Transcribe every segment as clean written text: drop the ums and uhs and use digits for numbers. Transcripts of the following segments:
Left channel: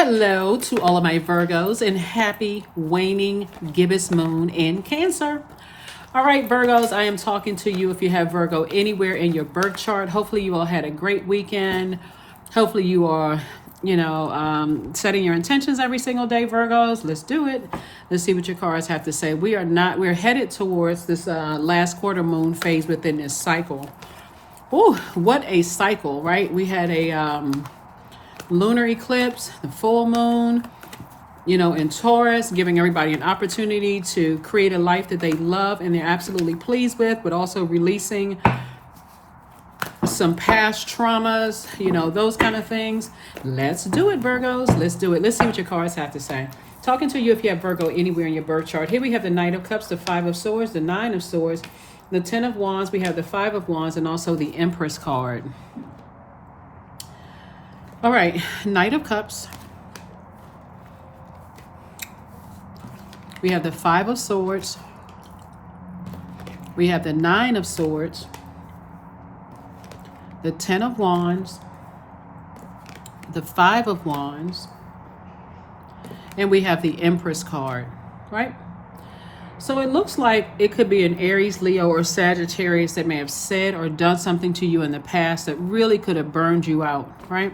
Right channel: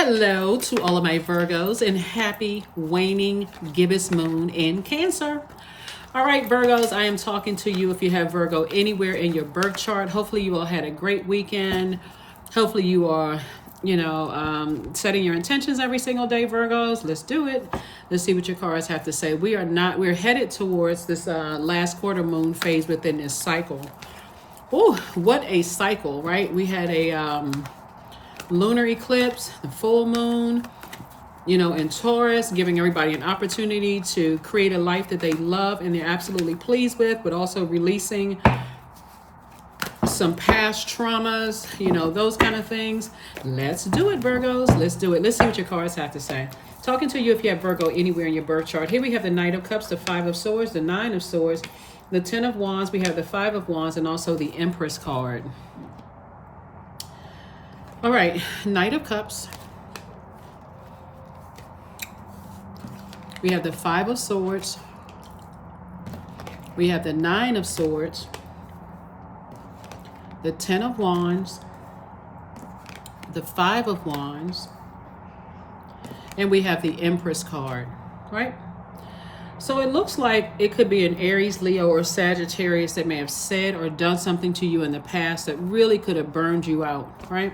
Hello to all of my Virgos and happy waning gibbous moon in Cancer. All right, Virgos, I am talking to you if you have Virgo anywhere in your birth chart. Hopefully you all had a great weekend. Hopefully you are, setting your intentions every single day, Virgos. Let's do it. Let's see what your cards have to say. We're headed towards this last quarter moon phase within this cycle. Oh, what a cycle, right? We had a lunar eclipse, the full moon, in Taurus, giving everybody an opportunity to create a life that they love and they're absolutely pleased with, but also releasing some past traumas, those kind of things. Let's do it, Virgos. Let's do it. Let's see what your cards have to say. Talking to you if you have Virgo anywhere in your birth chart. Here we have the Knight of Cups, the Five of Swords, the Nine of Swords, the Ten of Wands. We have the Five of Wands and also the Empress card. All right, Knight of Cups. We have the Five of Swords. We have the Nine of Swords. The Ten of Wands. The Five of Wands. And we have the Empress card, right? So it looks like it could be an Aries, Leo, or Sagittarius that may have said or done something to you in the past that really could have burned you out, right?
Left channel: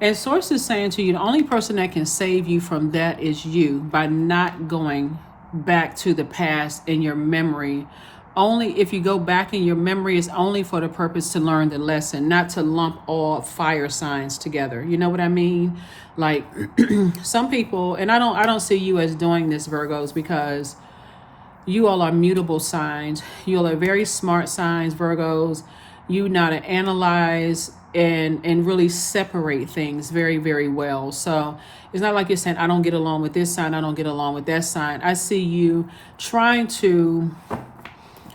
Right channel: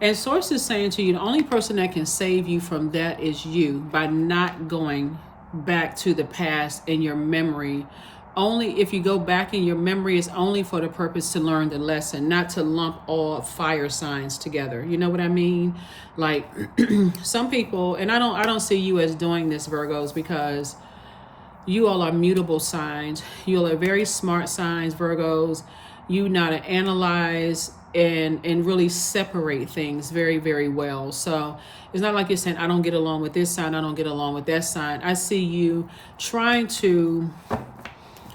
And Source is saying to you, the only person that can save you from that is you, by not going back to the past in your memory. Only if you go back in your memory is only for the purpose to learn the lesson, not to lump all fire signs together. You know what I mean? Like some people, and I don't see you as doing this, Virgos, because you all are mutable signs. You all are very smart signs, Virgos. You know how to analyze and really separate things very, very well. So it's not like you're saying, I don't get along with this sign, I don't get along with that sign. I see you trying to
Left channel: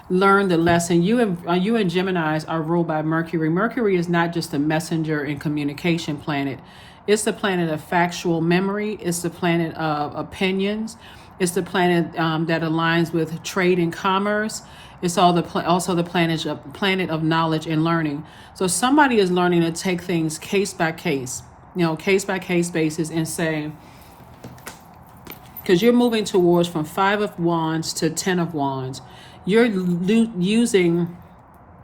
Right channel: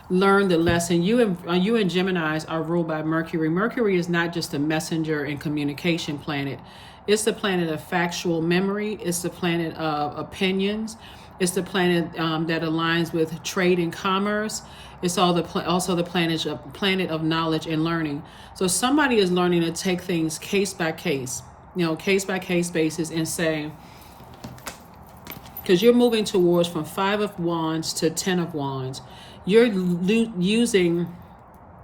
learn the lesson. You and Geminis are ruled by Mercury. Mercury is not just a messenger and communication planet. It's the planet of factual memory. It's the planet of opinions. It's the planet that aligns with trade and commerce. It's also the planet of knowledge and learning. So somebody is learning to take things case by case, case by case basis, and say, because you're moving towards from Five of Wands to Ten of Wands, you're using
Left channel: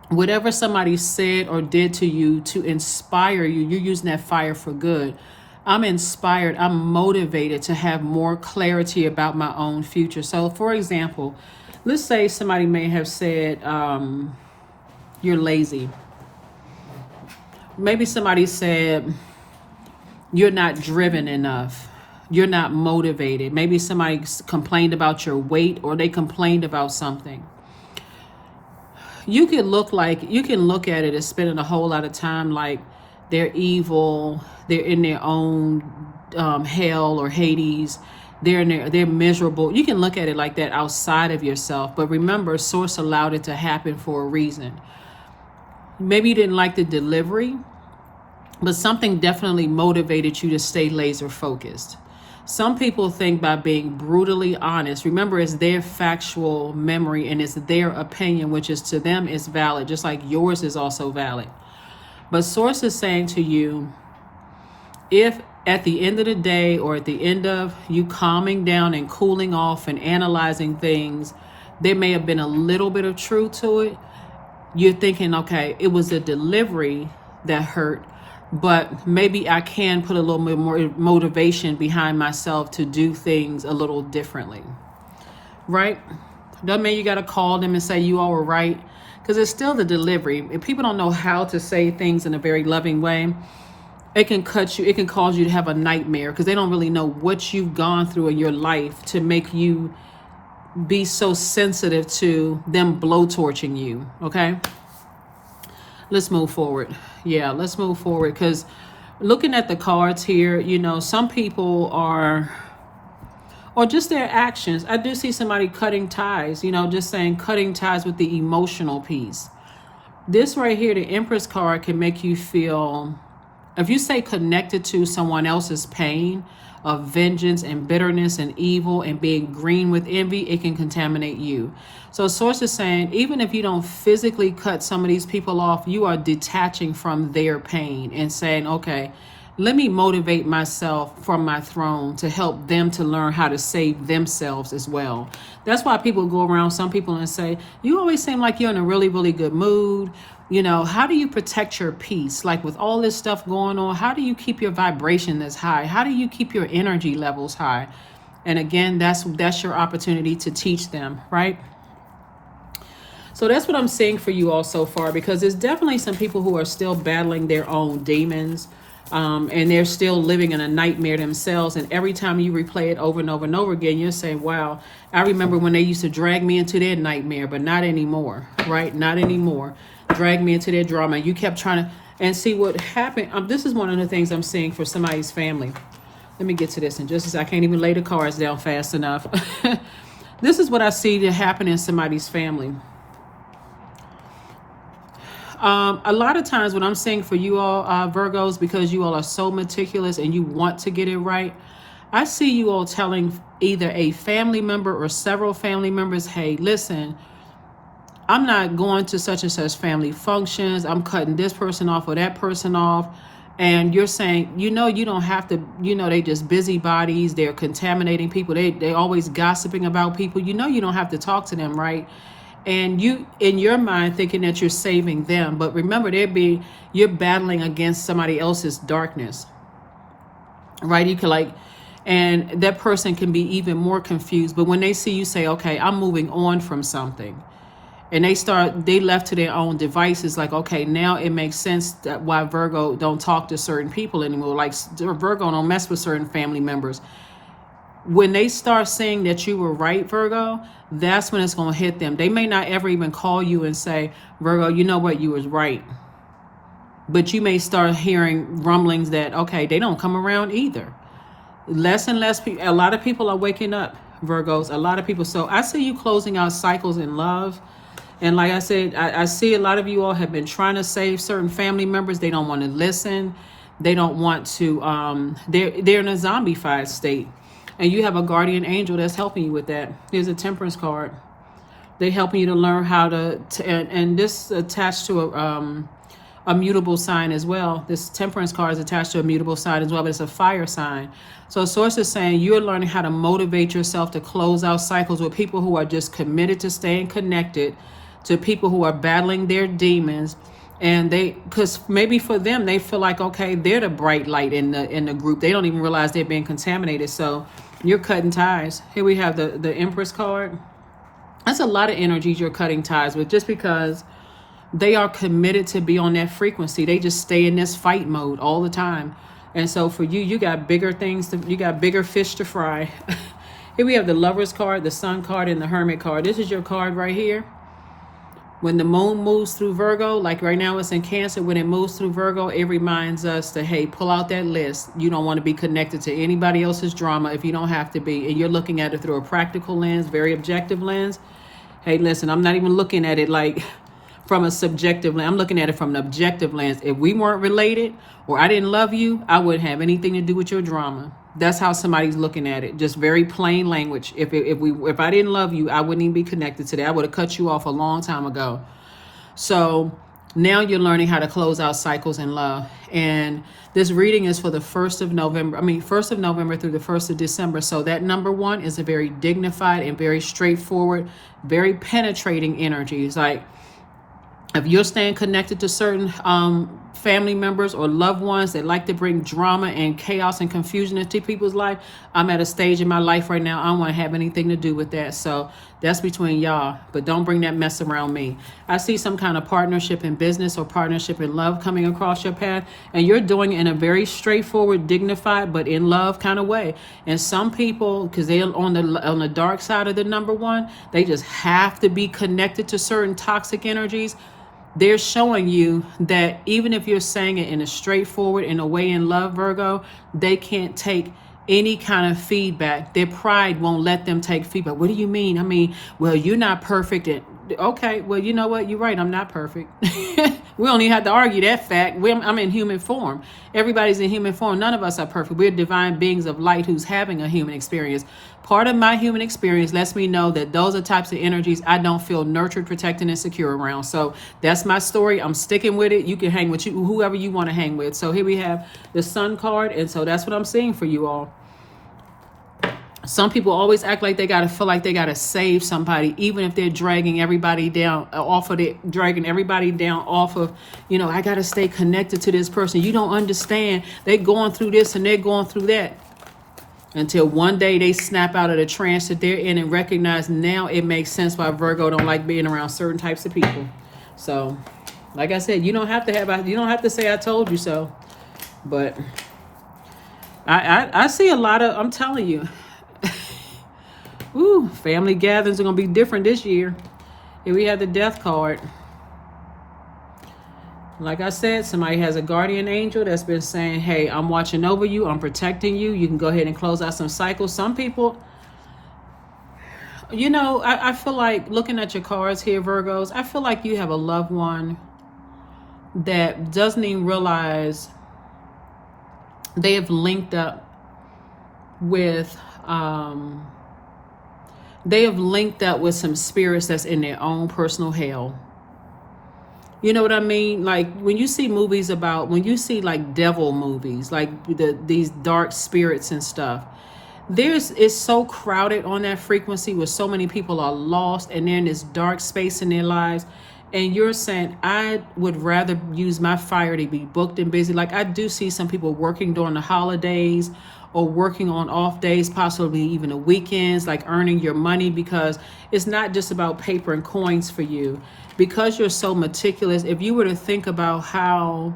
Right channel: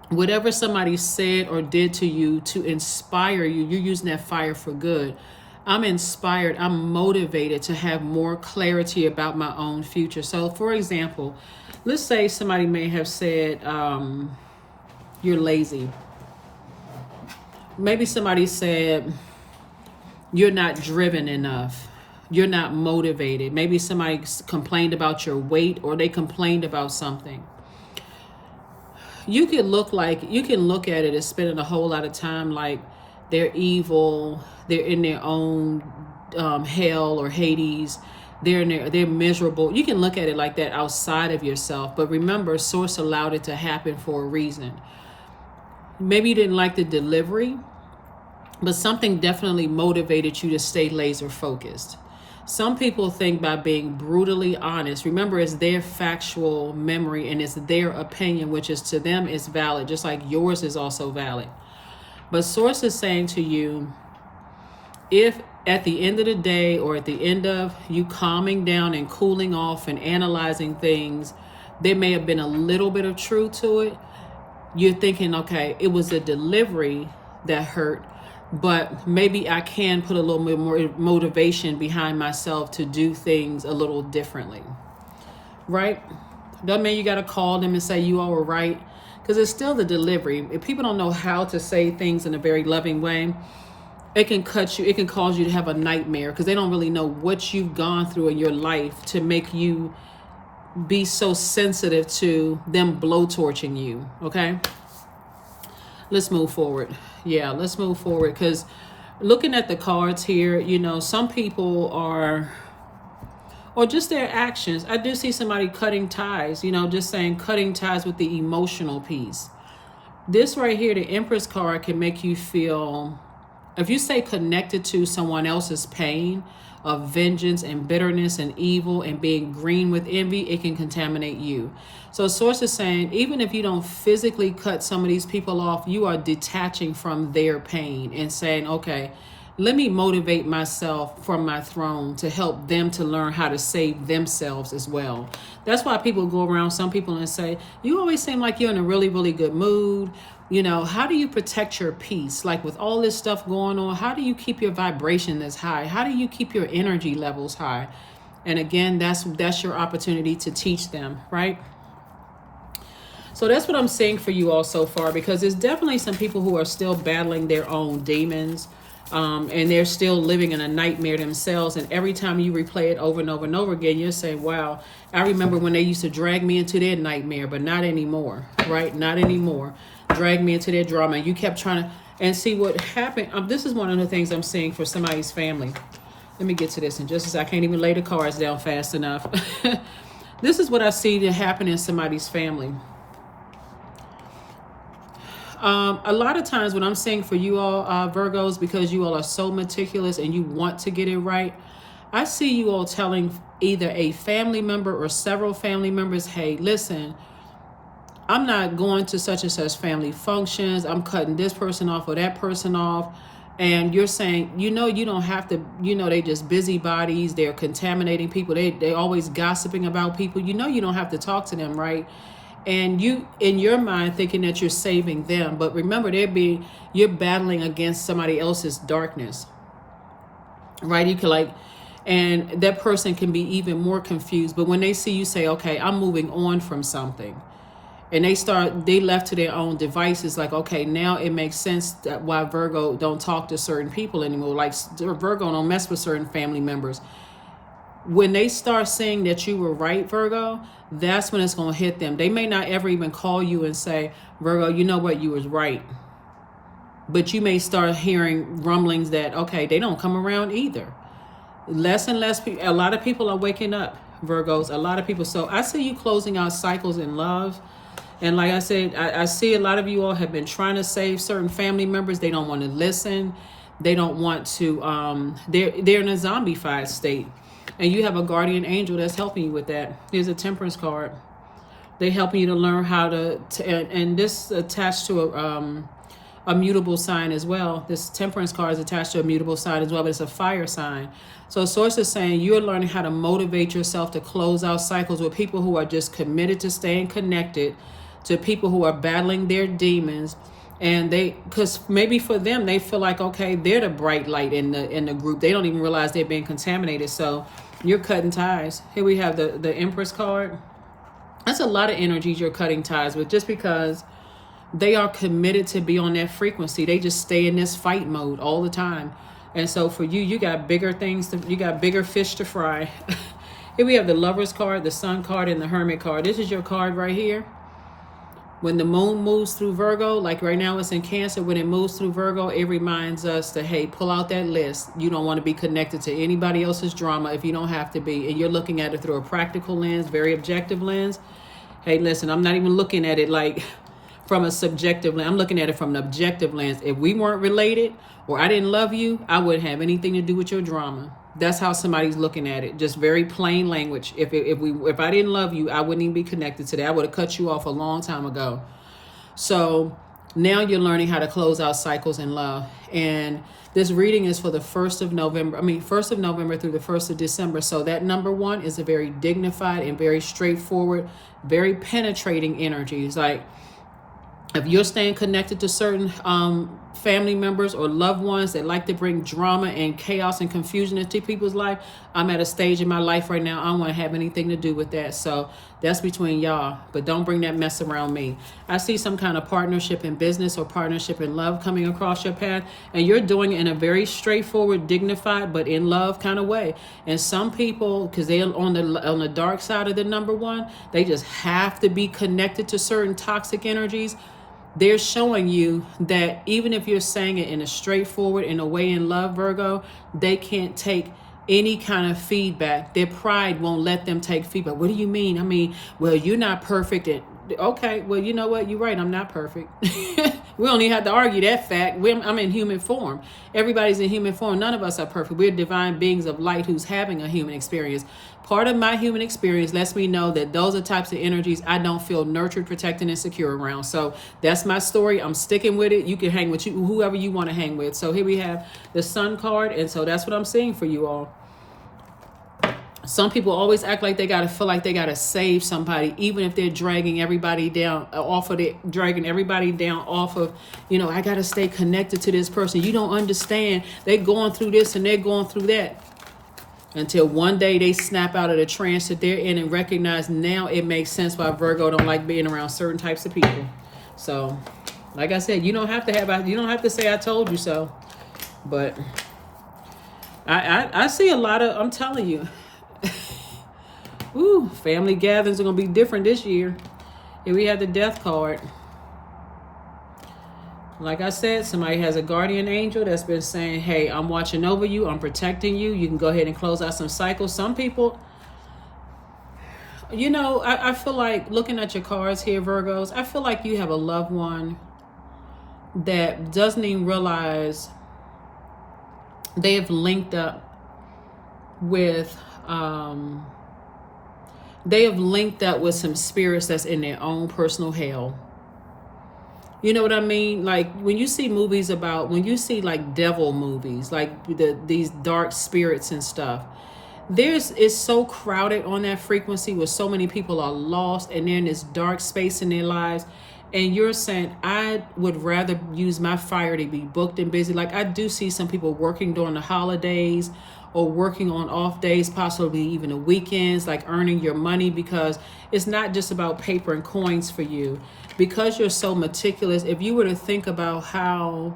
whatever somebody said or did to you to inspire you. You're using that fire for good. I'm inspired, I'm motivated to have more clarity about my own future. So for example, let's say somebody may have said, you're lazy. Maybe somebody said, you're not driven enough. You're not motivated. Maybe somebody complained about your weight, or they complained about something. You can look at it as spending a whole lot of time like they're evil, they're in their own hell or Hades, they're miserable. You can look at it like that outside of yourself, but remember, Source allowed it to happen for a reason. Maybe you didn't like the delivery, but something definitely motivated you to stay laser focused. Some people think by being brutally honest, remember, it's their factual memory and it's their opinion, which is to them is valid, just like yours is also valid. But Source is saying to you, if at the end of the day, or at the end of you calming down and cooling off and analyzing things, there may have been a little bit of truth to it. You're thinking, okay, it was a delivery that hurt, but maybe I can put a little bit more motivation behind myself to do things a little differently, right? Doesn't mean you got to call them and say you all were right, because it's still the delivery. If people don't know how to say things in a very loving way, it can cut you, it can cause you to have a nightmare, because they don't really know what you've gone through in your life to make you be so sensitive to them blowtorching you. Okay, let's move forward. Yeah, let's move forward, because looking at the cards here, some people are, or just their actions. I do see somebody cutting ties, just saying cutting ties with the emotional piece. This right here, the Empress card, can make you feel, if you stay connected to someone else's pain of vengeance and bitterness and evil and being green with envy, it can contaminate you. So Source is saying, even if you don't physically cut some of these people off, you are detaching from their pain and saying, okay, let me motivate myself from my throne to help them to learn how to save themselves as well. That's why people go around some people and say, you always seem like you're in a really, really good mood. You know, how do you protect your peace? Like with all this stuff going on, how do you keep your vibration this high? How do you keep your energy levels high? And again, that's your opportunity to teach them, right? So that's what I'm seeing for you all so far, because there's definitely some people who are still battling their own demons, and they're still living in a nightmare themselves. And every time you replay it over and over and over again, you're saying, wow, I remember when they used to drag me into their nightmare, but not anymore, right? Not anymore. Drag me into their drama. You kept trying to, and see what happened. This is one of the things I'm seeing for somebody's family. Let me get to this in just a second. I can't even lay the cards down fast enough. This is what I see to happen in somebody's family. A lot of times what I'm saying for you all, Virgos, because you all are so meticulous and you want to get it right, I see you all telling either a family member or several family members, hey, listen, I'm not going to such and such family functions. I'm cutting this person off or that person off. And you're saying, you know, you don't have to, you know, they just busybodies. They're contaminating people. They always gossiping about people. You know, you don't have to talk to them, right? And you, in your mind, thinking that you're saving them. But remember, you're battling against somebody else's darkness, right? You can and that person can be even more confused. But when they see you say, okay, I'm moving on from something, and they left to their own devices, like, okay, now it makes sense that why Virgo don't talk to certain people anymore. Like Virgo don't mess with certain family members. When they start saying that you were right, Virgo, that's when it's going to hit them. They may not ever even call you and say, Virgo, you know what, you was right. But you may start hearing rumblings that, okay, they don't come around either. Less and less people, a lot of people are waking up, Virgos, a lot of people. So I see you closing out cycles in love. And like I said, I see a lot of you all have been trying to save certain family members. They don't want to listen. They don't want to, they're in a zombified state. And you have a guardian angel that's helping you with that. Here's a temperance card. They're helping you to learn how to and this attached to a mutable sign as well. This temperance card is attached to a mutable sign as well, but it's a fire sign. So Source is saying you're learning how to motivate yourself to close out cycles with people who are just committed to staying connected, to people who are battling their demons. And because maybe for them, they feel like, okay, they're the bright light in the group. They don't even realize they're being contaminated. So you're cutting ties. Here we have the Empress card. That's a lot of energies you're cutting ties with, just because they are committed to be on that frequency. They just stay in this fight mode all the time. And so for you, you got bigger things, you got bigger fish to fry. Here we have the Lover's card, the Sun card, and the Hermit card. This is your card right here. When the moon moves through Virgo, like right now it's in Cancer, when it moves through Virgo, it reminds us to, hey, pull out that list. You don't want to be connected to anybody else's drama if you don't have to be. And you're looking at it through a practical lens, very objective lens. Hey, listen, I'm not even looking at it like from a subjective lens. I'm looking at it from an objective lens. If we weren't related or I didn't love you, I wouldn't have anything to do with your drama. That's how somebody's looking at it. Just very plain language. If I didn't love you, I wouldn't even be connected to that. I would have cut you off a long time ago. So now you're learning how to close out cycles in love. And this reading is for the 1st of November. 1st of November through the 1st of December. So that number 1 is a very dignified and very straightforward, very penetrating energy. It's like, if you're staying connected to certain family members or loved ones that like to bring drama and chaos and confusion into people's life, I'm at a stage in my life right now, I don't want to have anything to do with that. So that's between y'all, but don't bring that mess around me. I see some kind of partnership in business or partnership in love coming across your path, and you're doing it in a very straightforward, dignified, but in love kind of way. And some people, because they're on the dark side of the number 1, they just have to be connected to certain toxic energies. They're showing you that even if you're saying it in a straightforward, in a way in love, Virgo, they can't take any kind of feedback. Their pride won't let them take feedback. What do you mean? Well, you're not perfect. And Okay, well, you know what? You're right. I'm not perfect. We don't even have to argue that fact. I'm in human form. Everybody's in human form. None of us are perfect. We're divine beings of light who's having a human experience. Part of my human experience lets me know that those are types of energies I don't feel nurtured, protected, and secure around. So that's my story. I'm sticking with it. You can hang with whoever you want to hang with. So here we have the Sun card, and so that's what I'm seeing for you all. Some people always act like they gotta feel like they gotta save somebody, even if they're dragging everybody down off of I gotta stay connected to this person. You don't understand. They're going through this and they're going through that. Until one day they snap out of the trance that they're in and recognize now it makes sense why Virgo don't like being around certain types of people. So, like I said, you don't have to say I told you so. But I see a lot of, I'm telling you. Ooh, family gatherings are going to be different this year. Here we have the Death card. Like I said, somebody has a guardian angel that's been saying, hey, I'm watching over you. I'm protecting you. You can go ahead and close out some cycles. Some people, I feel like looking at your cards here, Virgos, I feel like you have a loved one that doesn't even realize they have linked up with some spirits that's in their own personal hell. You know what I mean? Like when you see like devil movies, like these dark spirits and stuff, it's so crowded on that frequency where so many people are lost and they're in this dark space in their lives. And you're saying, I would rather use my fire to be booked and busy. Like I do see some people working during the holidays or working on off days, possibly even the weekends, like earning your money, because it's not just about paper and coins for you. Because you're so meticulous, if you were to think about how,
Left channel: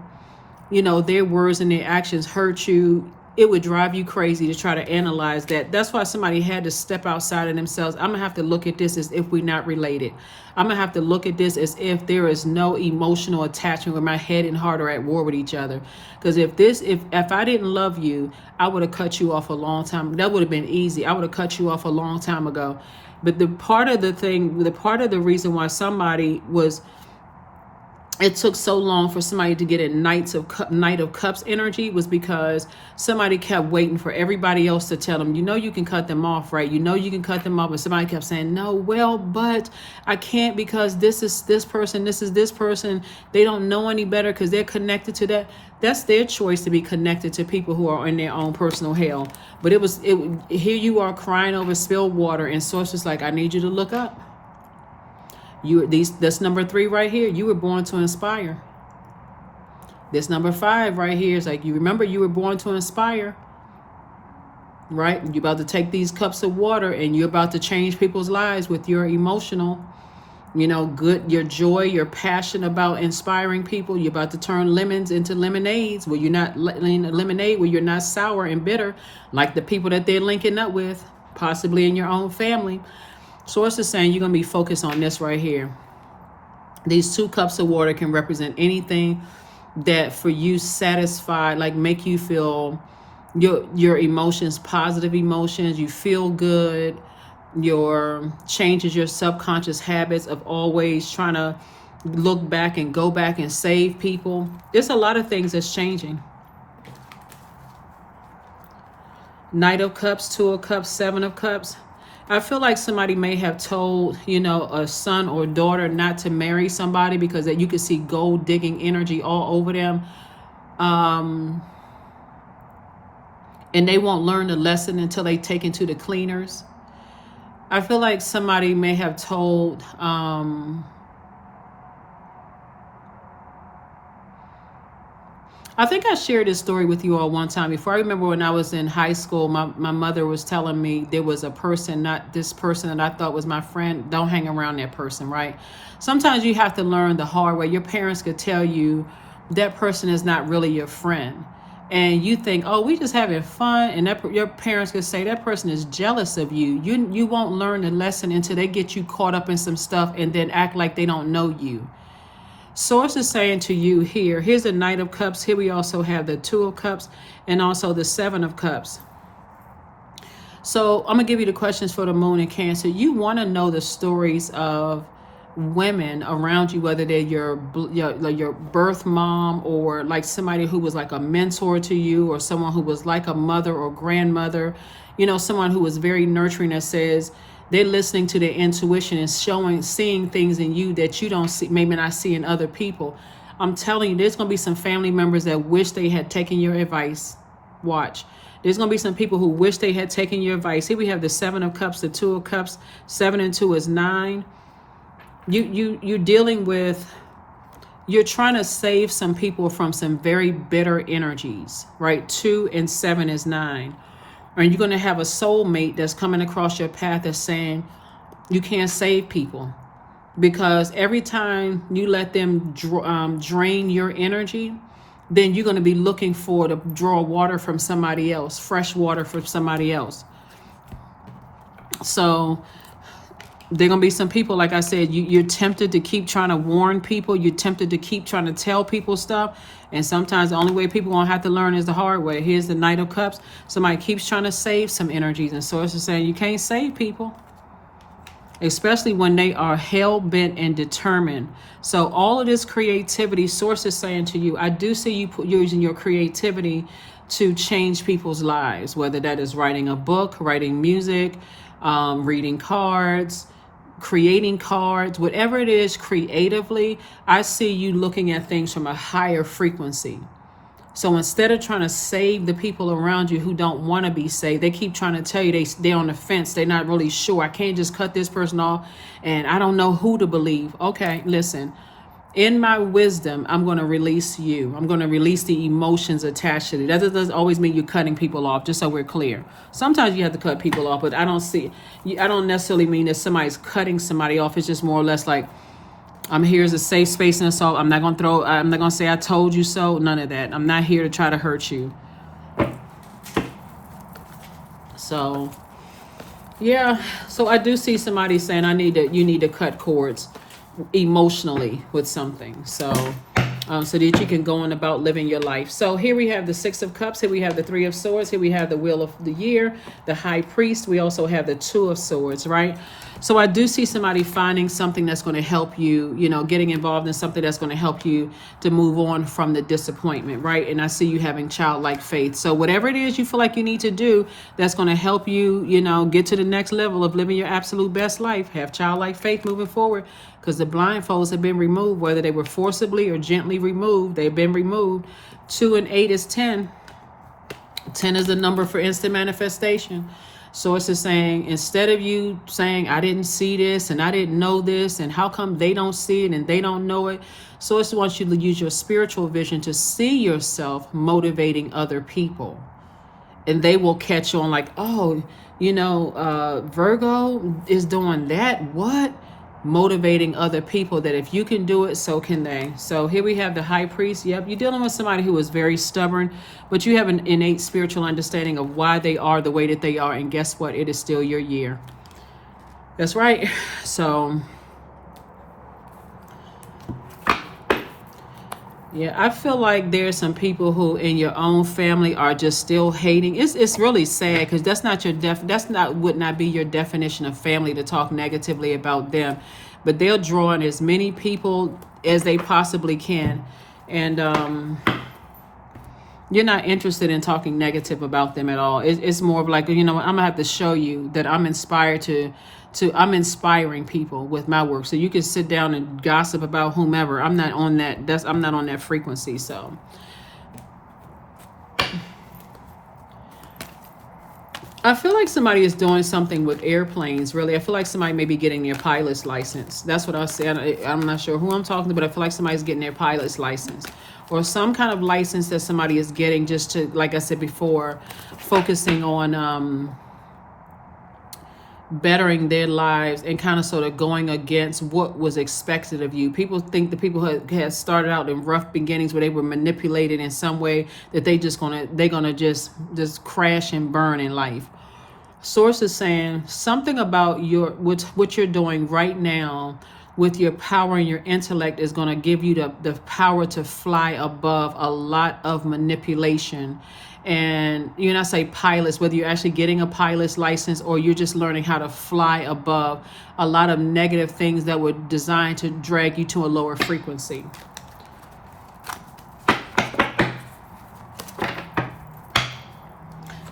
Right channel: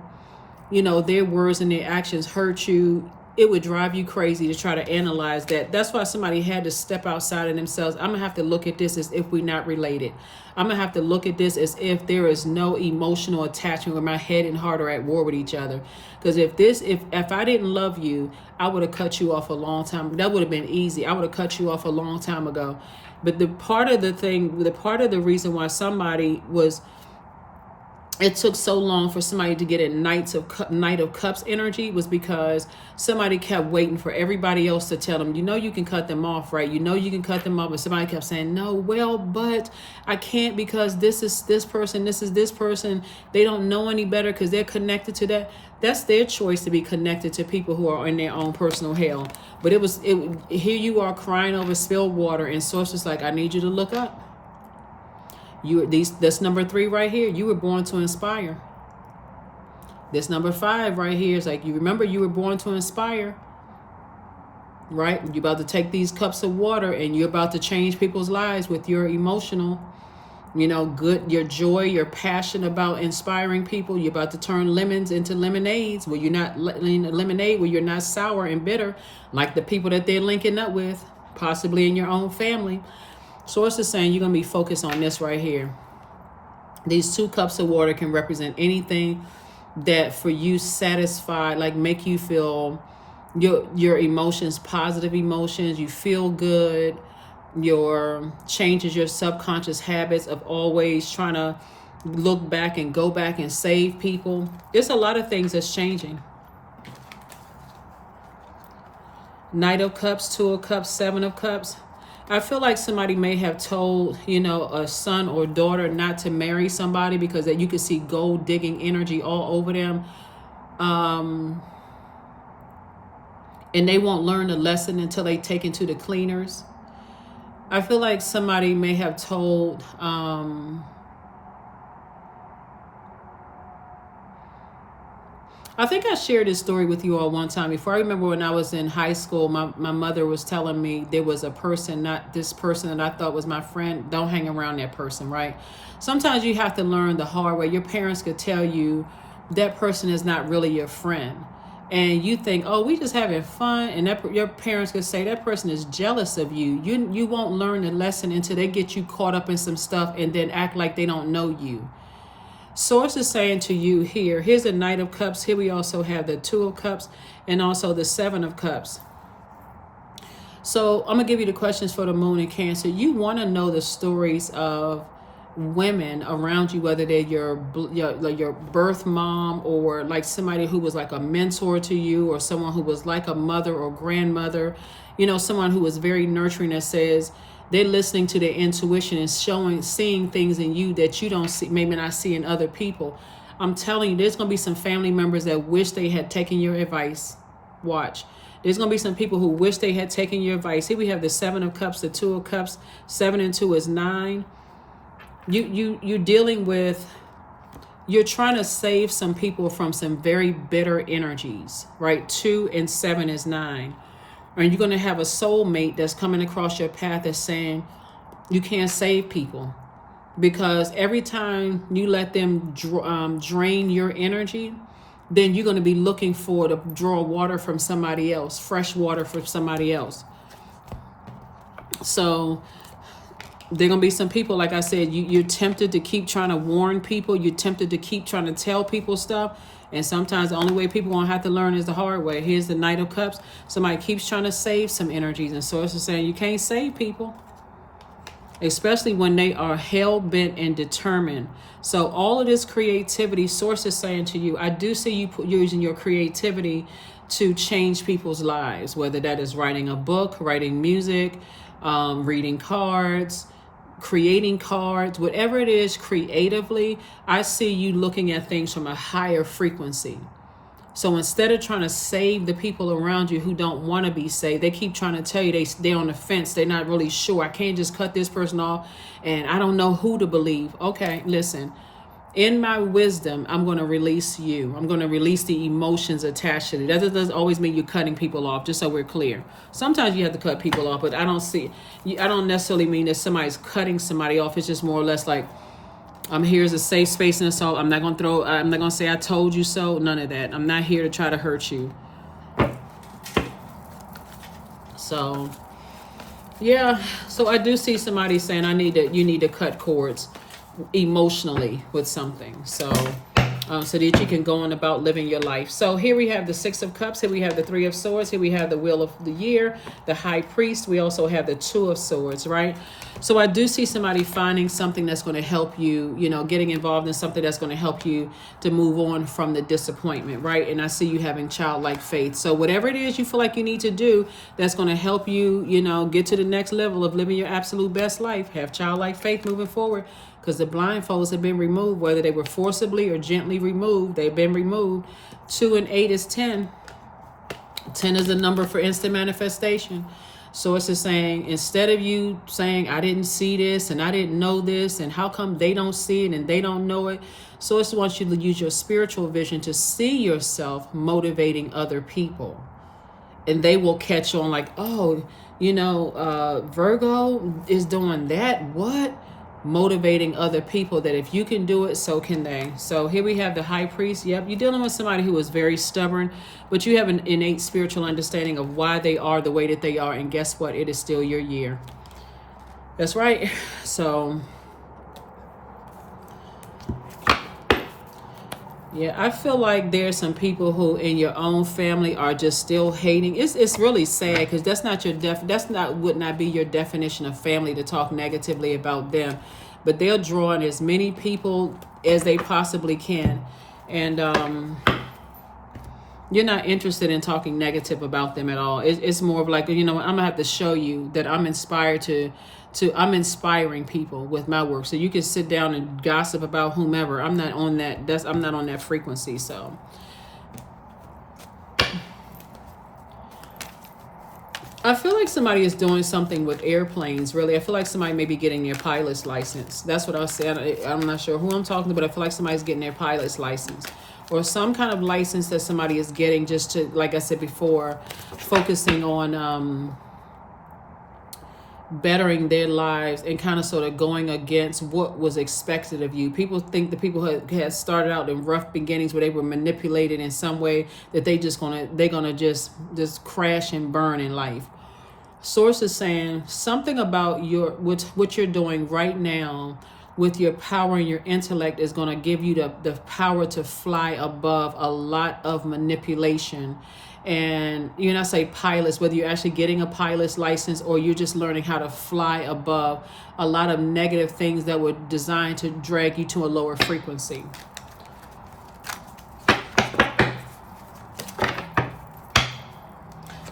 their words and their actions hurt you, it would drive you crazy to try to analyze that. That's why somebody had to step outside of themselves. I'm going to have to look at this as if we're not related. I'm going to have to look at this as if there is no emotional attachment where my head and heart are at war with each other. Because if I didn't love you, I would have cut you off a long time. That would have been easy. I would have cut you off a long time ago. But the part of the reason why it took so long for somebody to get a Knight of Cups energy was because somebody kept waiting for everybody else to tell them, you can cut them off, right? You can cut them off. But somebody kept saying, no, well, but I can't because this is this person. They don't know any better because they're connected to that. That's their choice to be connected to people who are in their own personal hell. But here you are crying over spilled water, and Source is like, I need you to look up. That's number 3 right here. You were born to inspire. This number 5 right here is like, you remember you were born to inspire, right? You're about to take these cups of water and you're about to change people's lives with your emotional, your joy, your passion about inspiring people. You're about to turn lemons into lemonades where you're not sour and bitter like the people that they're linking up with, possibly in your own family. Source is saying you're going to be focused on this right here. These 2 cups of water can represent anything that for you satisfied, like make you feel your emotions, positive emotions, you feel good, changes your subconscious habits of always trying to look back and go back and save people. There's a lot of things that's changing. Knight of Cups, 2 of Cups, 7 of Cups. I feel like somebody may have told, a son or daughter not to marry somebody because that you could see gold digging energy all over them. And they won't learn the lesson until they take into the cleaners. I feel like somebody may have told, I think I shared this story with you all one time before. I remember when I was in high school, my mother was telling me there was a person, not this person that I thought was my friend. Don't hang around that person, right? Sometimes you have to learn the hard way. Your parents could tell you that person is not really your friend. And you think, oh, we just having fun. And your parents could say that person is jealous of you. You won't learn the lesson until they get you caught up in some stuff and then act like they don't know you. Source is saying to you here's the Knight of Cups. Here we also have the 2 of Cups and also the 7 of Cups. So I'm going to give you the questions for the Moon and Cancer. You want to know the stories of women around you, whether they're your birth mom, or like somebody who was like a mentor to you, or someone who was like a mother or grandmother, someone who was very nurturing, that says they're listening to their intuition and seeing things in you that you don't see, maybe not see in other people. I'm telling you, there's going to be some family members that wish they had taken your advice. Watch. There's going to be some people who wish they had taken your advice. Here we have the 7 of Cups, the 2 of Cups. 7 and 2 is 9. You're dealing with, you're trying to save some people from some very bitter energies, right? 2 and 7 is 9. And you're going to have a soulmate that's coming across your path that's saying you can't save people, because every time you let them drain your energy, then you're going to be looking to draw water from somebody else, fresh water from somebody else. So there are going to be some people, like I said, you're tempted to keep trying to warn people. You're tempted to keep trying to tell people stuff. And sometimes the only way people won't have to learn is the hard way. Here's the Knight of Cups. Somebody keeps trying to save some energies. And Source is saying you can't save people, especially when they are hell-bent and determined. So all of this creativity, Source is saying to you, I do see you using your creativity to change people's lives, whether that is writing a book, writing music, reading cards, creating cards, whatever it is creatively. I see you looking at things from a higher frequency. So instead of trying to save the people around you who don't want to be saved, they keep trying to tell you they're on the fence. They're not really sure. I can't just cut this person off, and I don't know who to believe. Okay, listen. In my wisdom, I'm going to release you. I'm going to release the emotions attached to you. That doesn't always mean you're cutting people off, just so we're clear. Sometimes you have to cut people off, but I don't necessarily mean that somebody's cutting somebody off. It's just more or less like, I'm here as a safe space and assault. I'm not going to say I told you so. None of that. I'm not here to try to hurt you. So, yeah. So I do see somebody saying you need to cut cords emotionally with something. So that you can go on about living your life. So here we have the 6 of Cups. Here we have the 3 of Swords. Here we have the Wheel of the Year, the High Priest. We also have the 2 of Swords, right? So I do see somebody finding something that's going to help you, getting involved in something that's going to help you to move on from the disappointment, right? And I see you having childlike faith. So whatever it is you feel like you need to do that's going to help you, get to the next level of living your absolute best life, have childlike faith moving forward. Because the blindfolds have been removed, whether they were forcibly or gently removed, they've been removed. 2 and 8 is 10. 10 is a number for instant manifestation. Source is saying, instead of you saying, I didn't see this and I didn't know this, and how come they don't see it and they don't know it? Source wants you to use your spiritual vision to see yourself motivating other people. And they will catch on like, oh, Virgo is doing that. What? Motivating other people, that if you can do it, so can they. So here we have the High Priest. Yep, you're dealing with somebody who is very stubborn, but you have an innate spiritual understanding of why they are the way that they are. And guess what? It is still your year. That's right. So yeah, I feel like there's some people who in your own family are just still hating. It's really sad, because that's not would not be your definition of family, to talk negatively about them. But they'll draw in as many people as they possibly can. And you're not interested in talking negative about them at all. It's more of like, I'm going to have to show you that I'm inspired I'm inspiring people with my work. So you can sit down and gossip about whomever. I'm not on that frequency. So I feel like somebody is doing something with airplanes, really. I feel like somebody may be getting their pilot's license. That's what I said. I'm not sure who I'm talking to, but I feel like somebody's getting their pilot's license, or some kind of license that somebody is getting just to, like I said before, focusing on bettering their lives and kind of sort of going against what was expected of you. People think the people who had started out in rough beginnings where they were manipulated in some way, that they're gonna just crash and burn in life. Source is saying something about what you're doing right now with your power and your intellect is going to give you the power to fly above a lot of manipulation And you know, I say pilots, whether you're actually getting a pilot's license or you're just learning how to fly above a lot of negative things that were designed to drag you to a lower frequency.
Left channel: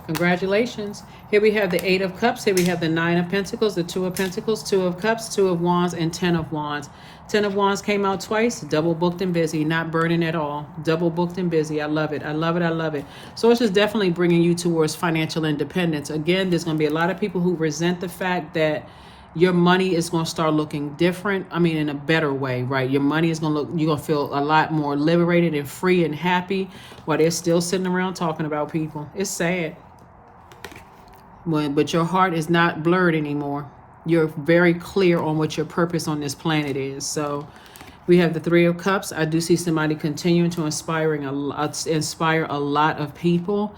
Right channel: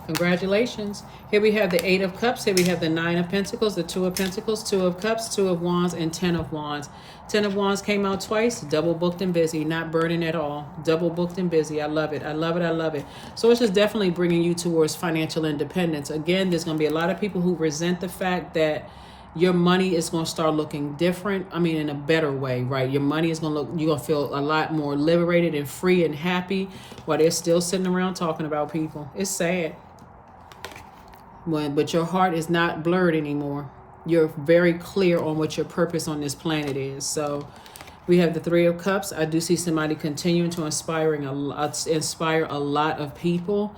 Congratulations. Here we have the Eight of Cups. Here we have the Nine of Pentacles, the Two of Pentacles, Two of Cups, Two of Wands, and Ten of Wands. Ten of Wands came out twice. Double booked and busy, not burning at all. Double booked and busy. I love it. I love it. I love it. So it's just definitely bringing you towards financial independence. Again, there's going to be a lot of people who resent the fact that your money is going to start looking different. I mean, in a better way, right? Your money is going to look, you're going to feel a lot more liberated and free and happy while they're still sitting around talking about people. It's sad. But your heart is not blurred anymore. You're very clear on what your purpose on this planet is. So we have the Three of Cups. I do see somebody continuing to inspire a lot of people.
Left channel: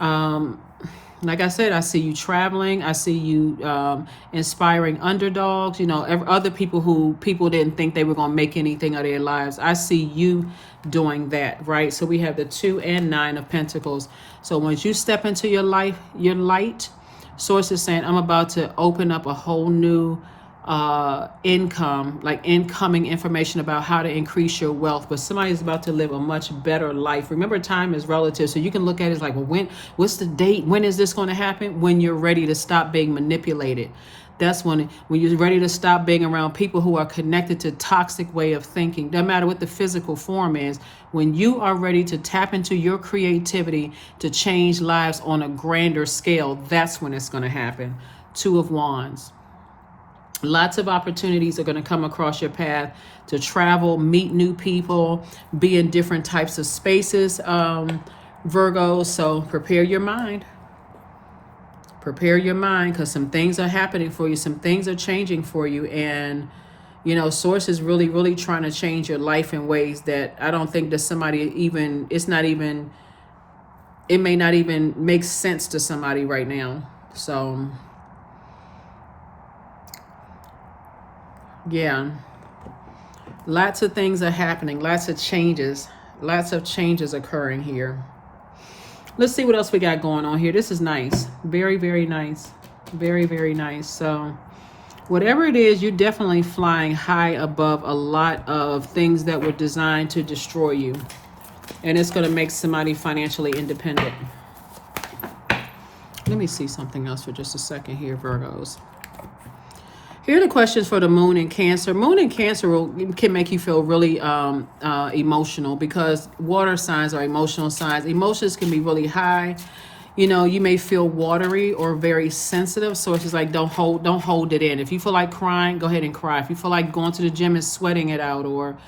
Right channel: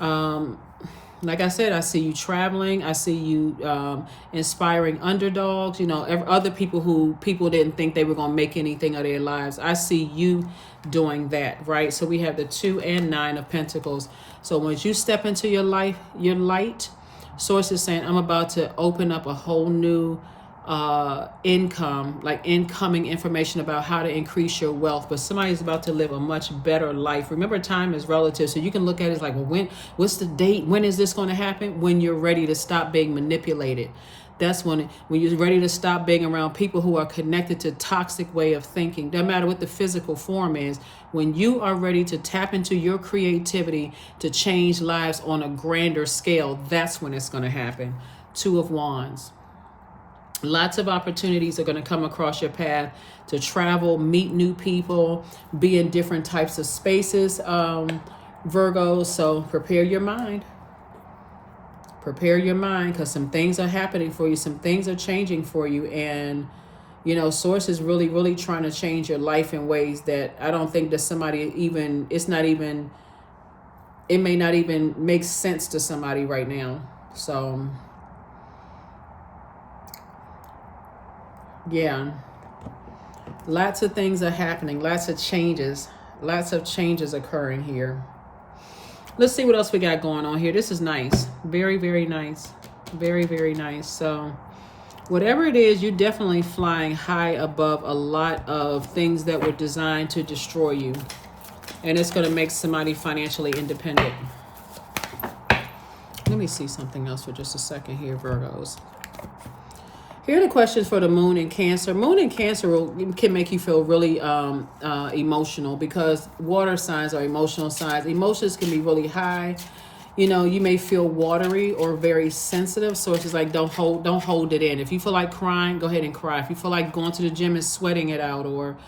Like I said, I see you traveling. I see you inspiring underdogs. You know, other people who people didn't think they were going to make anything of their lives. I see you doing that, right? So we have the 2 and 9 of Pentacles. So once you step into your life, your light, Source is saying, I'm about to open up a whole new incoming information about how to increase your wealth. But somebody's about to live a much better life. Remember, time is relative. So you can look at it as like, well, what's the date? When is this going to happen? When you're ready to stop being manipulated. That's when you're ready to stop being around people who are connected to toxic way of thinking. No matter what the physical form is, when you are ready to tap into your creativity to change lives on a grander scale, that's when it's going to happen. Two of Wands. Lots of opportunities are going to come across your path to travel, meet new people, be in different types of spaces, Virgo. So prepare your mind. Prepare your mind, because some things are happening for you. Some things are changing for you. And, you know, Source is really, really trying to change your life in ways that I don't think that somebody even, it may not even make sense to somebody right now. So, yeah. Lots of things are happening. Lots of changes occurring here. Let's see what else we got going on here. This is nice. Very, very nice. Very, very nice. So whatever it is, you're definitely flying high above a lot of things that were designed to destroy you. And it's going to make somebody financially independent. Let me see something else for just a second here, Virgos. Here are the questions for the Moon in Cancer. Moon in Cancer can make you feel really emotional, because water signs are emotional signs. Emotions can be really high. You know, you may feel watery or very sensitive. So it's like, don't hold it in. If you feel like crying, go ahead and cry. If you feel like going to the gym and sweating it out, or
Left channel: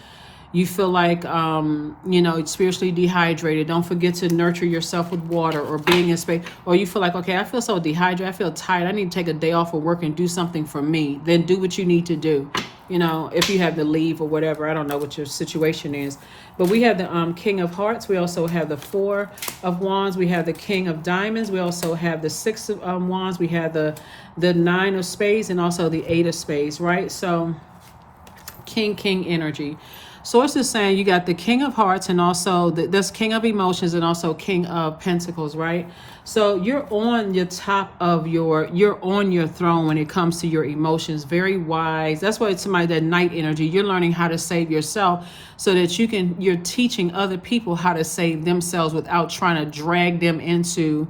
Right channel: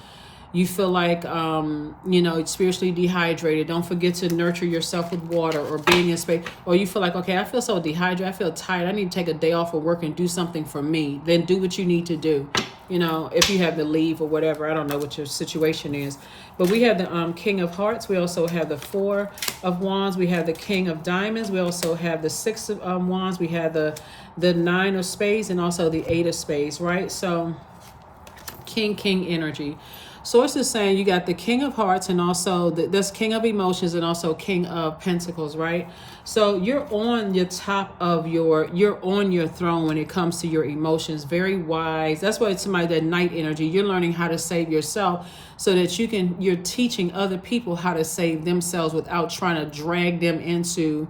you feel like, you know, spiritually dehydrated, don't forget to nurture yourself with water, or being in space. Or you feel like, okay, I feel so dehydrated, I feel tired, I need to take a day off of work and do something for me. Then do what you need to do. You know, if you have to leave or whatever, I don't know what your situation is. But we have the King of Hearts. We also have the 4 of Wands. We have the King of Diamonds. We also have the 6 of Wands. We have the 9 of Spades, and also the 8 of Spades, right? So King energy. Source is saying you got the King of Hearts, and also this King of Emotions, and also King of Pentacles, right? So you're on your top of you're on your throne when it comes to your emotions. Very wise. That's why it's somebody, that Knight energy. You're learning how to save yourself so that you're teaching other people how to save themselves without trying to drag them into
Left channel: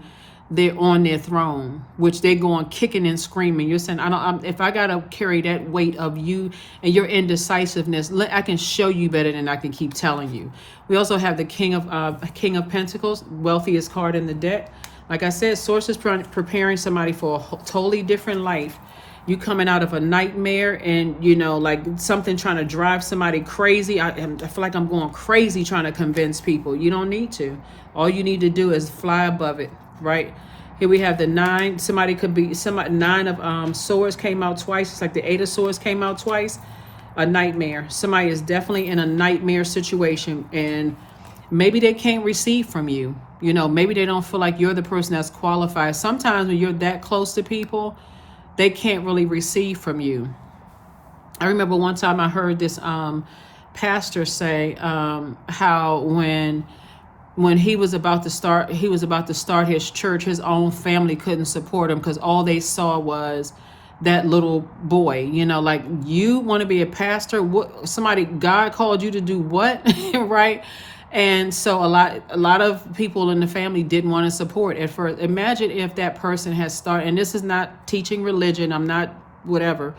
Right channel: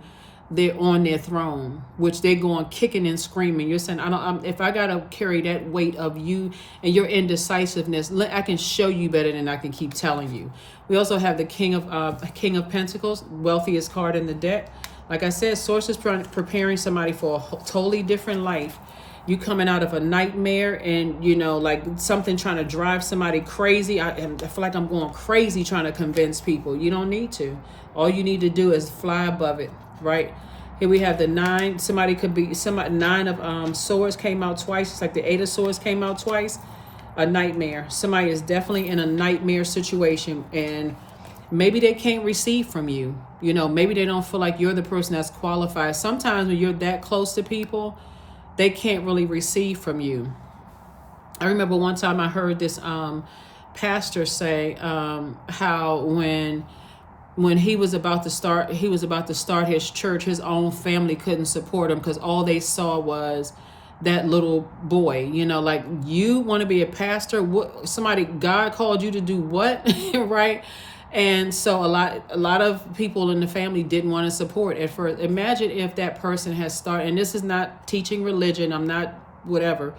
they're on their throne, which they're going kicking and screaming. You're saying, if I gotta carry that weight of you and your indecisiveness, I can show you better than I can keep telling you. We also have the King of Pentacles, wealthiest card in the deck. Like I said, Source is preparing somebody for a totally different life. You coming out of a nightmare, and you know, like something trying to drive somebody crazy. I feel like I'm going crazy trying to convince people. You don't need to. All you need to do is fly above it. Right here we have the 9. Somebody could be 9 of Swords came out twice. It's like the 8 of Swords came out twice. A nightmare. Somebody is definitely in a nightmare situation, and maybe they can't receive from you. You know, maybe they don't feel like you're the person that's qualified. Sometimes when you're that close to people, they can't really receive from you. I remember one time I heard this pastor say how when when he was about to start his church, his own family couldn't support him because all they saw was that little boy. You know, like, you want to be a pastor? What, somebody, God called you to do what? Right? And so a lot of people in the family didn't want to support at first. Imagine if that person has started, and this is not teaching religion, I'm not whatever.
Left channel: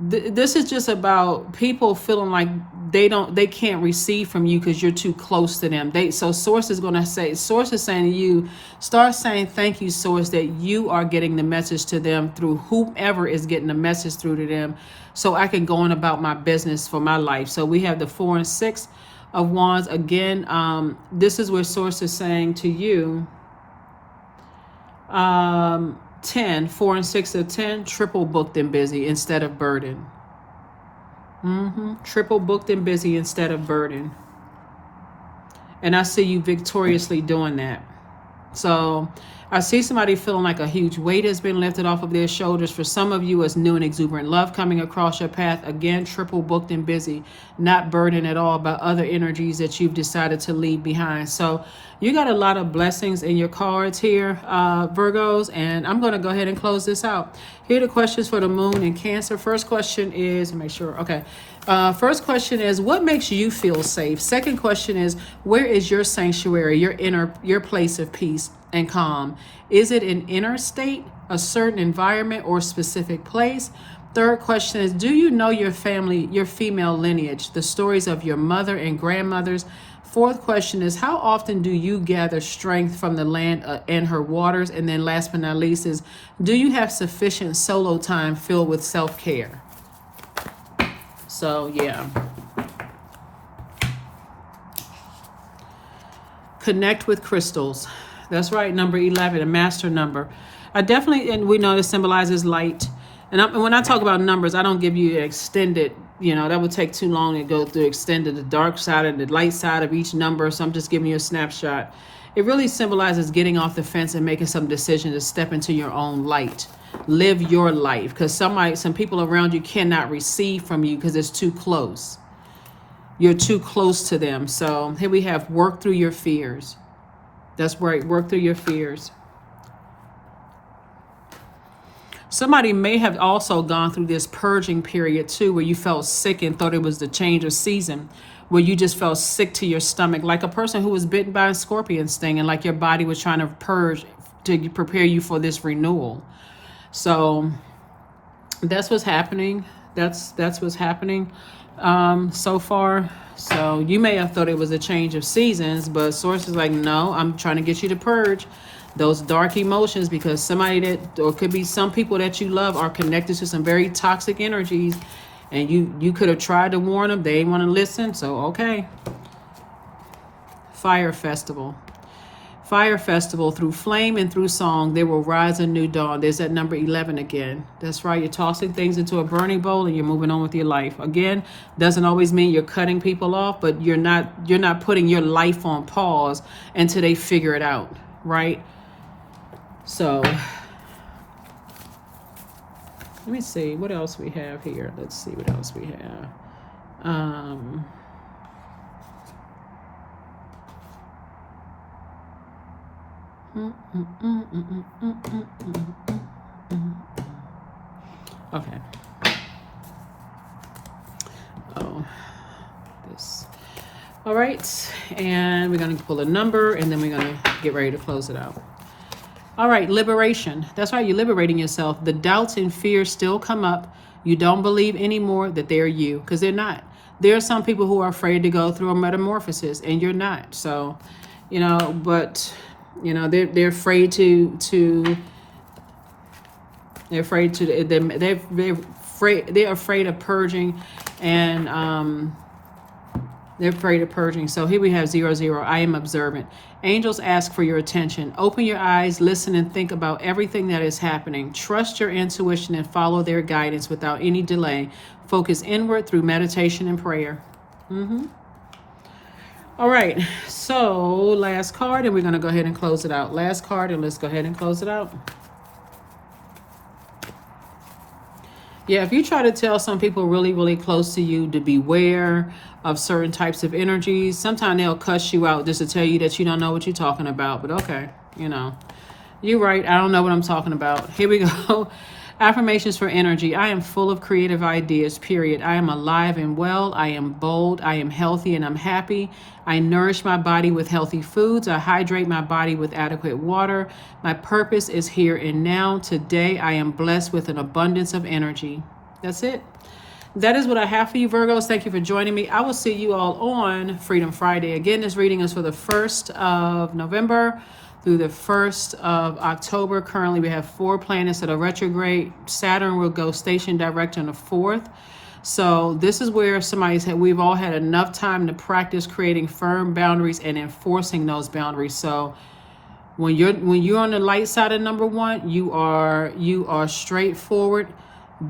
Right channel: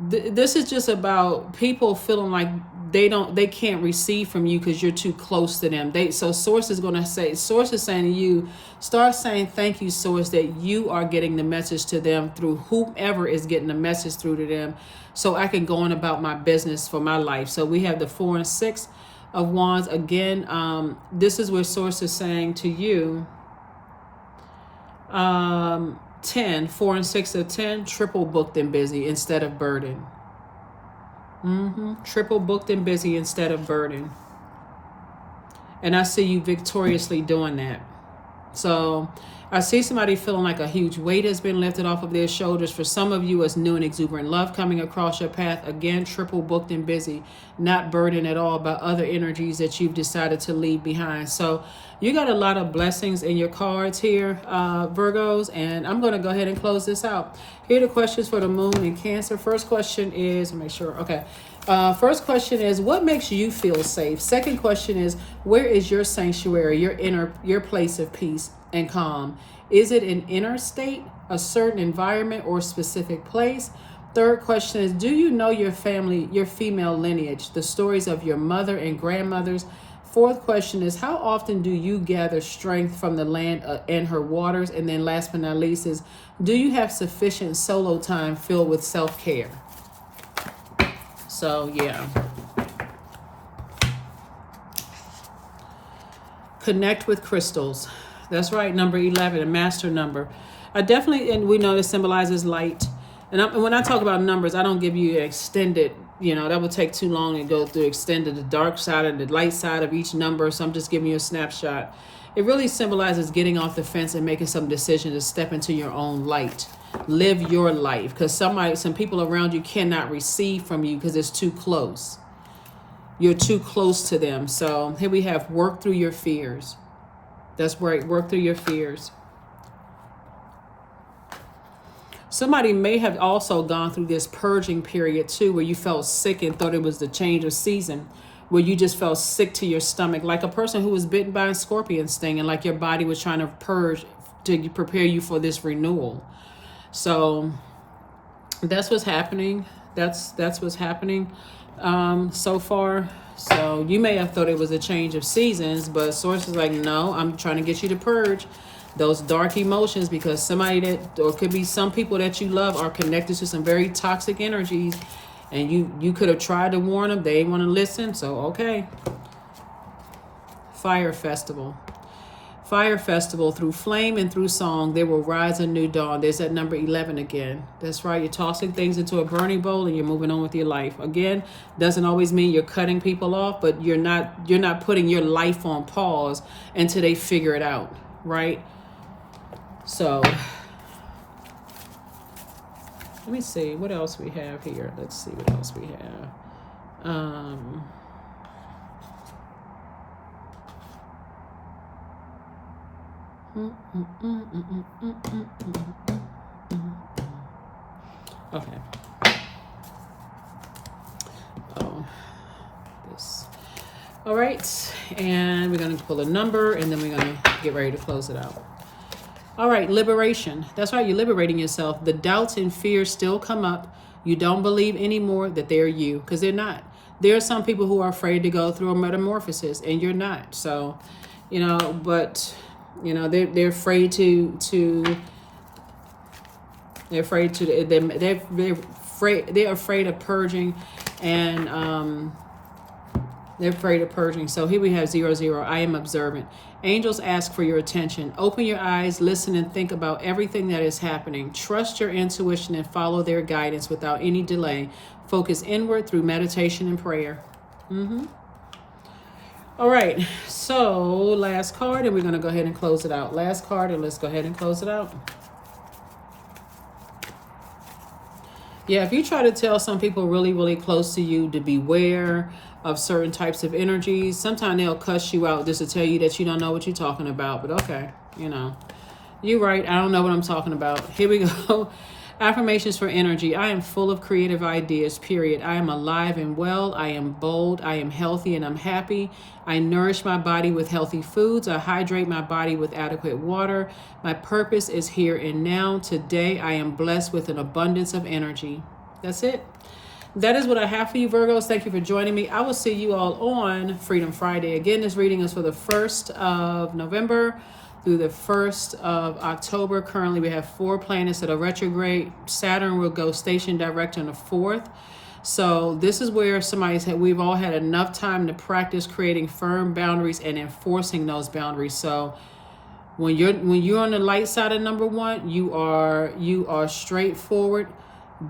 This is just about people feeling like they can't receive from you because you're too close to them. Source is saying to you, start saying thank you, Source, that you are getting the message to them through whomever is getting the message through to them, so I can go on about my business for my life. So we have the 4 and 6 of Wands again. This is where Source is saying to you, 10, 4 and 6 of 10, triple booked and busy instead of burden. Triple booked and busy instead of burden. And I see you victoriously doing that. So I see somebody feeling like a huge weight has been lifted off of their shoulders. For some of you, it's new and exuberant love coming across your path. Again, triple booked and busy, not burdened at all by other energies that you've decided to leave behind. So you got a lot of blessings in your cards here, Virgos, and I'm going to go ahead and close this out. Here are the questions for the moon and Cancer. First question is, make sure, okay. First question is, what makes you feel safe? Second question is, where is your sanctuary, your place of peace and calm? Is it an inner state, a certain environment, or specific place? Third question is, do you know your family, your female lineage, the stories of your mother and grandmothers? Fourth question is, how often do you gather strength from the land and her waters? And then last but not least is, do you have sufficient solo time filled with self-care? So, yeah. Connect with crystals. That's right, number 11, a master number. I definitely, and we know this symbolizes light. And when I talk about numbers, I don't give you extended, that would take too long to go through extended the dark side and the light side of each number. So I'm just giving you a snapshot. It really symbolizes getting off the fence and making some decision to step into your own light. Live your life, because some people around you cannot receive from you because it's too close. You're too close to them. So here we have work through your fears. That's right, work through your fears. Somebody may have also gone through this purging period too, where you felt sick and thought it was the change of season, where you just felt sick to your stomach, like a person who was bitten by a scorpion sting, and like your body was trying to purge to prepare you for this renewal. So that's what's happening. That's what's happening so far. So you may have thought it was a change of seasons, but Source is like, no, I'm trying to get you to purge those dark emotions, because somebody or could be some people that you love are connected to some very toxic energies, and you could have tried to warn them. They didn't want to listen. So, okay. Fire Festival. Fire Festival, through flame and through song, there will rise a new dawn. There's that number 11 again. That's right. You're tossing things into a burning bowl and you're moving on with your life. Again, doesn't always mean you're cutting people off, but you're not putting your life on pause until they figure it out, right? So let me see what else we have here. Let's see what else we have. Okay. This. All right, and we're going to pull a number, and then we're going to get ready to close it out. All right, liberation. That's right, you're liberating yourself. The doubts and fears still come up. You don't believe anymore that they're you, because they're not. There are some people who are afraid to go through a metamorphosis, and you're not. So, but they're afraid they're afraid of purging, and they're afraid of purging. So here we have 00. I am observant. Angels ask for your attention. Open your eyes, listen, and think about everything that is happening. Trust your intuition and follow their guidance without any delay. Focus inward through meditation and prayer. All right, so last card, and we're going to go ahead and close it out. Last card, and let's go ahead and close it out. Yeah, if you try to tell some people really, really close to you to beware of certain types of energies, sometimes they'll cuss you out just to tell you that you don't know what you're talking about. But okay, you know, you're right. I don't know what I'm talking about. Here we go. Affirmations for energy. I am full of creative ideas, period. I am alive and well. I am bold. I am healthy and I'm happy. I nourish my body with healthy foods. I hydrate my body with adequate water. My purpose is here and now. Today, I am blessed with an abundance of energy. That's it. That is what I have for you, Virgos. Thank you for joining me. I will see you all on Freedom Friday. Again, this reading is for the 1st of November through the 1st of October. Currently, we have 4 planets that are retrograde. Saturn will go station direct on the 4th. So this is where we've all had enough time to practice creating firm boundaries and enforcing those boundaries. So when you're on the light side of number 1, you are straightforward,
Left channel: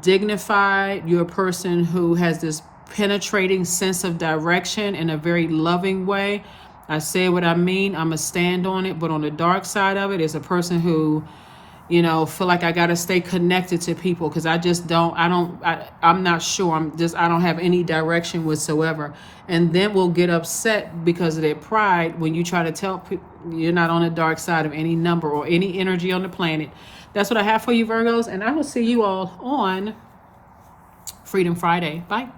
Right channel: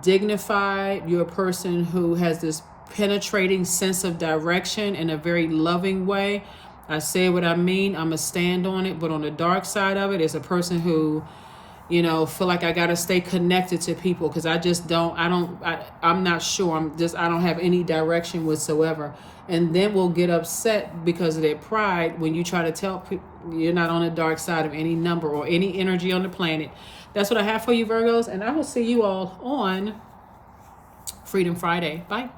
dignified. You're a person who has this penetrating sense of direction in a very loving way. I say what I mean. I'm going to stand on it. But on the dark side of it is a person who, feel like I got to stay connected to people because I'm not sure. I don't have any direction whatsoever. And then we'll get upset because of their pride when you try to tell people you're not on the dark side of any number or any energy on the planet. That's what I have for you, Virgos. And I will see you all on Freedom Friday. Bye.